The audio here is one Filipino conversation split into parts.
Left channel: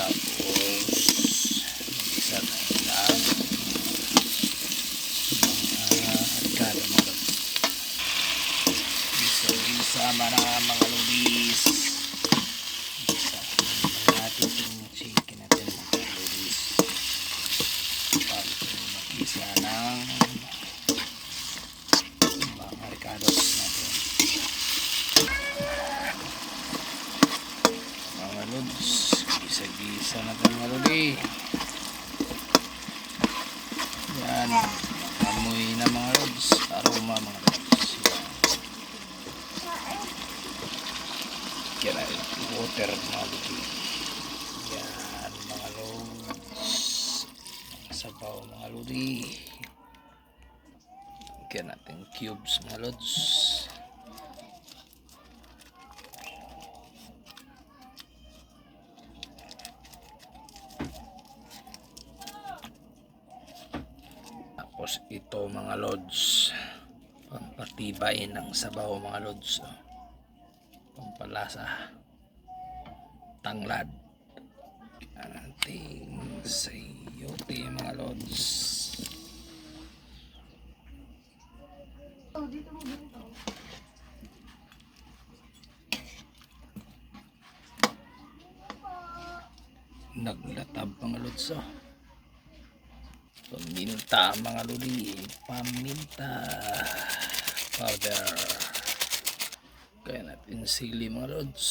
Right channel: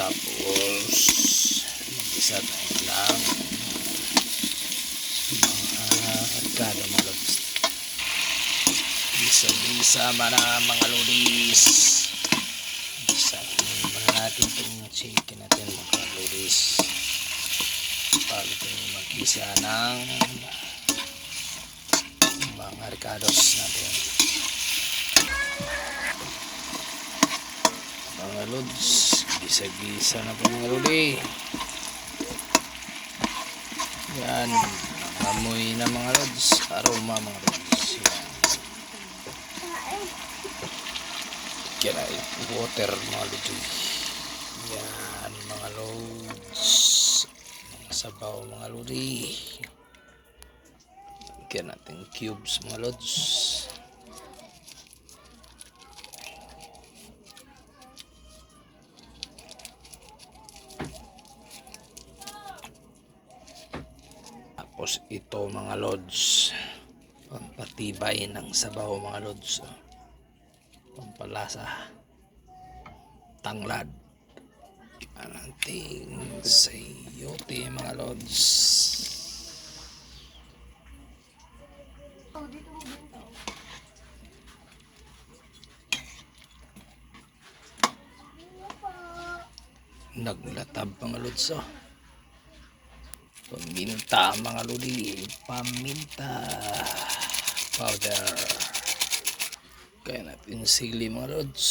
Tapos mag-isa na lang mga arkada mga lods. Isa mga lodis. Isa natin itong chicken natin mga lodis. Bago mag-isa ng mga ricados natin mga lods. Gisa-gisa natin mga lodi. Yan, amoy na mga lods, aroma mga lods. Yan ay water mga lodi. Yan mga lods, mga sabaw mga lodi. Yan natin cubes mga lods. Tapos ito mga lods, pampatibay ng sabaw mga lods, pampalasa, tanglad ang ating sayote mga lods. Naglatab mga lods. Paminta mga lodi, paminta powder. Kaya natin sili mga lods,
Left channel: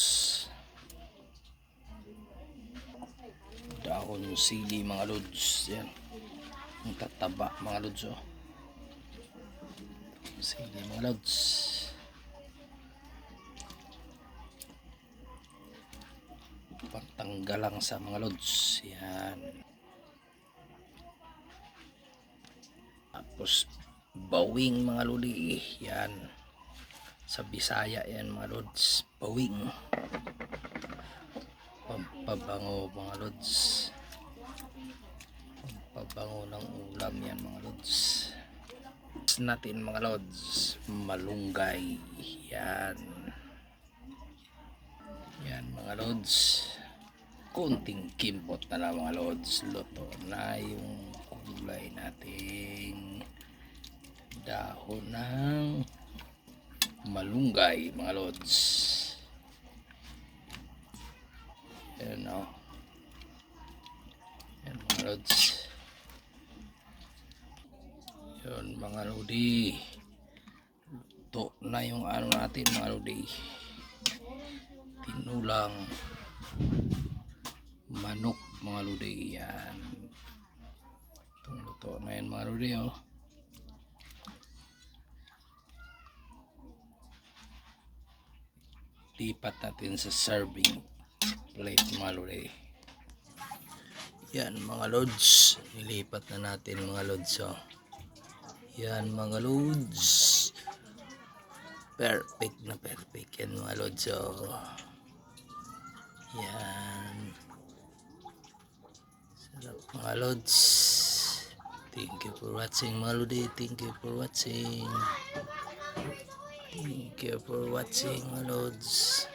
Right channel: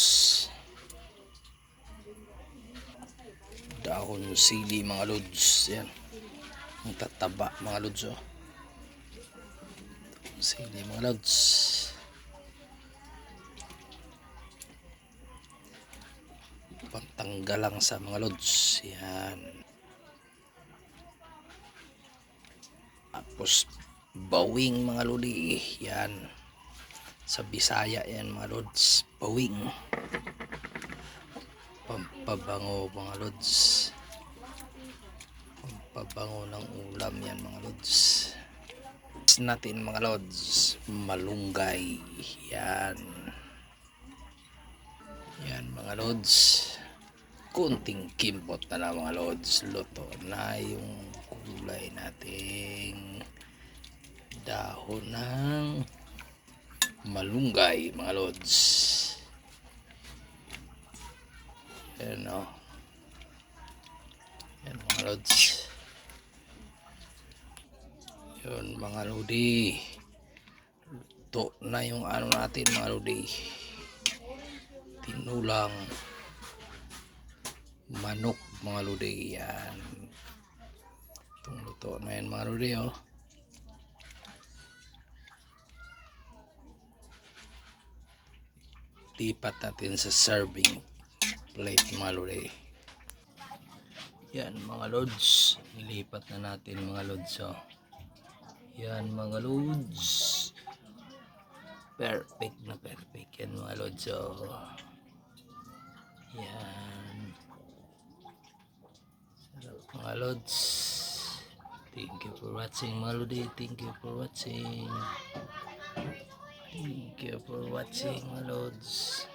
dahon sili mga lods. Yan ang tataba mga lods. Sili mga lods, pantanggal lang sa mga lods. Yan. Tapos bawing mga lodi. Yan sa Bisaya yan mga lods, bawing. Pampabango mga lods, pampabango ng ulam yan mga lods. Natin mga lods, malunggay. Yan yan mga lods, kunting kimbot na lang mga lods, luto na yung gulay nating dahon ng malunggay mga lods. Yan o, yan mga lods. Yun mga lodi, luto na yung ano natin mga lodi, tinulang manok mga lodi. Yan, itong luto na yan mga lodi. Lipat natin sa serving plate mga lodi. Yan mga lods, nilipat na natin mga lods. Yan mga lods, perfect na perfect yan mga lods. Yan, sarap mga lods. Thank you for watching mga lodi. Thank you for watching. Thank you for watching mga lods.